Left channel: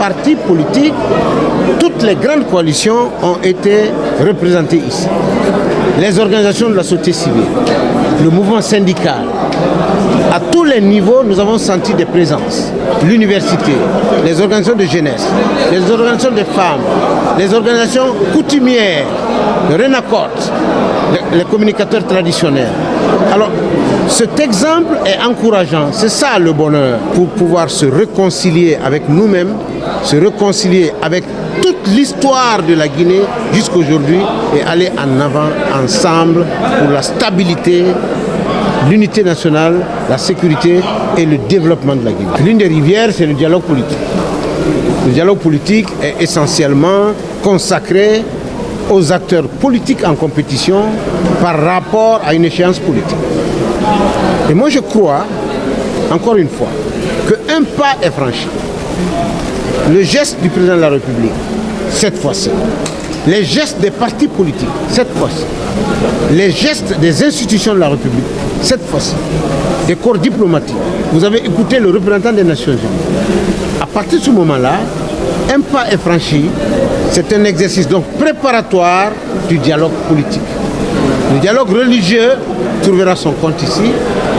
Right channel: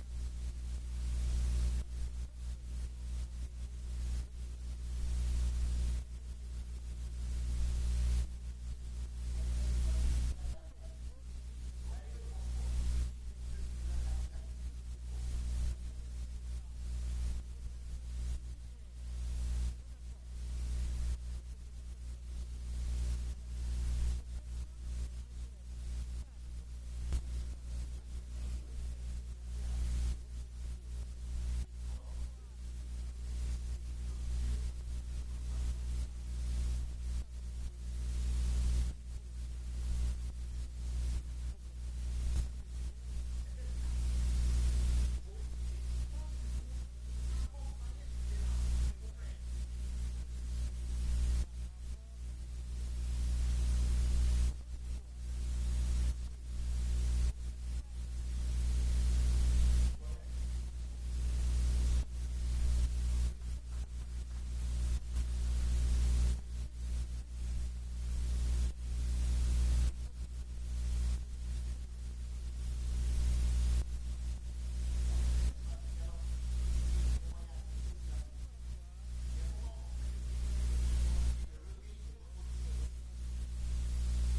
partis politiques, toutes les grandes coalitions ont été représentées ici. Les organisations de la société civile, le mouvement syndical, à tous les niveaux, nous avons senti des présences. L'université, les organisations de jeunesse, les organisations de femmes, les organisations coutumières, le RENACOT, les communicateurs traditionnels. Alors, cet exemple est encourageant. C'est ça le bonheur, pour pouvoir se réconcilier avec nous-mêmes, se réconcilier avec toute l'histoire de la Guinée jusqu'aujourd'hui et aller en avant ensemble pour la stabilité, l'unité nationale, la sécurité et le développement de la Guinée. L'une des rivières, c'est le dialogue politique. Le dialogue politique est essentiellement consacré aux acteurs politiques en compétition par rapport à une échéance politique. Et moi je crois, encore une fois, qu'un pas est franchi. Le geste du président de la République, cette fois-ci, les gestes des partis politiques, cette fois-ci, les gestes des institutions de la République, cette fois-ci, des corps diplomatiques. Vous avez écouté le représentant des Nations Unies. À partir de ce moment-là, un pas est franchi. C'est un exercice donc préparatoire du dialogue politique. Le dialogue religieux trouvera son compte ici.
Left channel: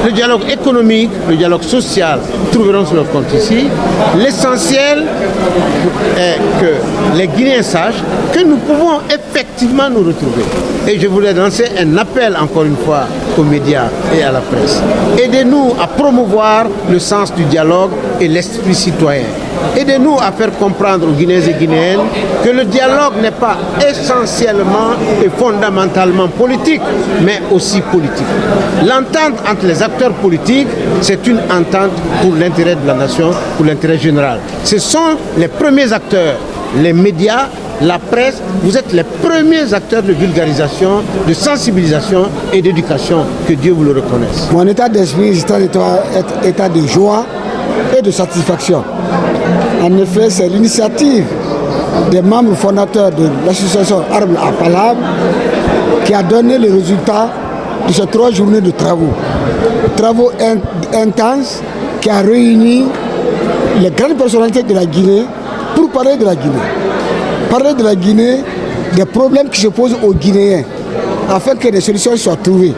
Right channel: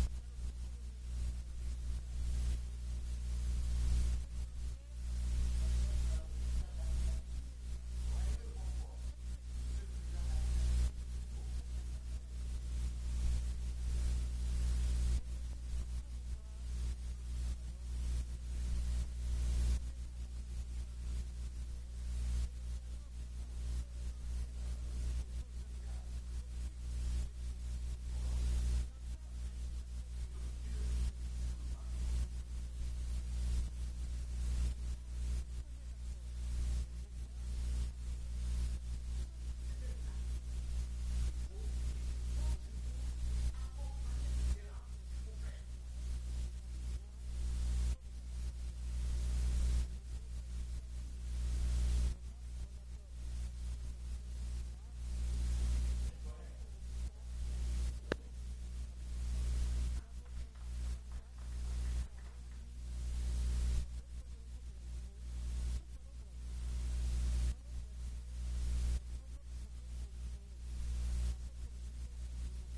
Le dialogue économique, le dialogue social trouveront leur compte ici. L'essentiel est que les Guinéens sachent que nous pouvons effectivement nous retrouver. Et je voulais lancer un appel encore une fois aux médias et à la presse. Aidez-nous à promouvoir le sens du dialogue et l'esprit citoyen. Aidez-nous à faire comprendre aux Guinéens et Guinéennes que le dialogue n'est pas essentiellement et fondamentalement politique, mais aussi politique. L'entente entre les acteurs politiques, c'est une entente pour l'intérêt de la nation, pour l'intérêt général. Ce sont les premiers acteurs, les médias, la presse, vous êtes les premiers acteurs de vulgarisation, de sensibilisation et d'éducation, que Dieu vous le reconnaisse. Mon état d'esprit est état de joie et de satisfaction. En effet, c'est l'initiative des membres fondateurs de l'association Arbre à Palab qui a donné le résultat de ces 3 journées de travaux. Travaux intenses qui a réuni les grandes personnalités de la Guinée pour parler de la Guinée. Parler de la Guinée, des problèmes qui se posent aux Guinéens, afin que des solutions soient trouvées.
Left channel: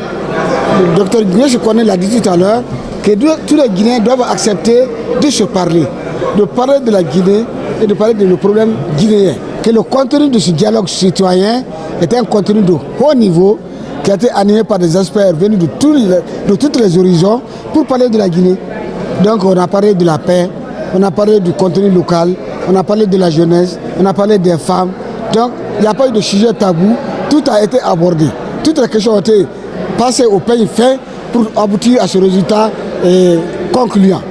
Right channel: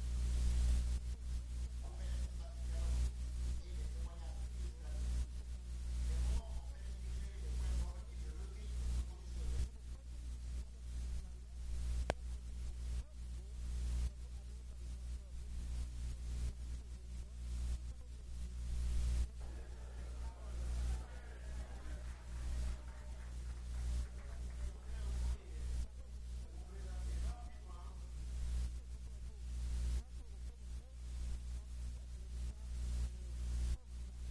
Le docteur Guinéen, je connais, l'a dit tout à l'heure, que tous les Guinéens doivent accepter de se parler, de parler de la Guinée et de parler de nos problèmes guinéens. Que le contenu de ce dialogue citoyen est un contenu de haut niveau qui a été animé par des experts venus de tous les horizons pour parler de la Guinée. Donc on a parlé de la paix, on a parlé du contenu local, on a parlé de la jeunesse, on a parlé des femmes. Donc il n'y a pas eu de sujet tabou, tout a été abordé. Toutes les questions ont été passées au peigne fin pour aboutir à ce résultat concluant.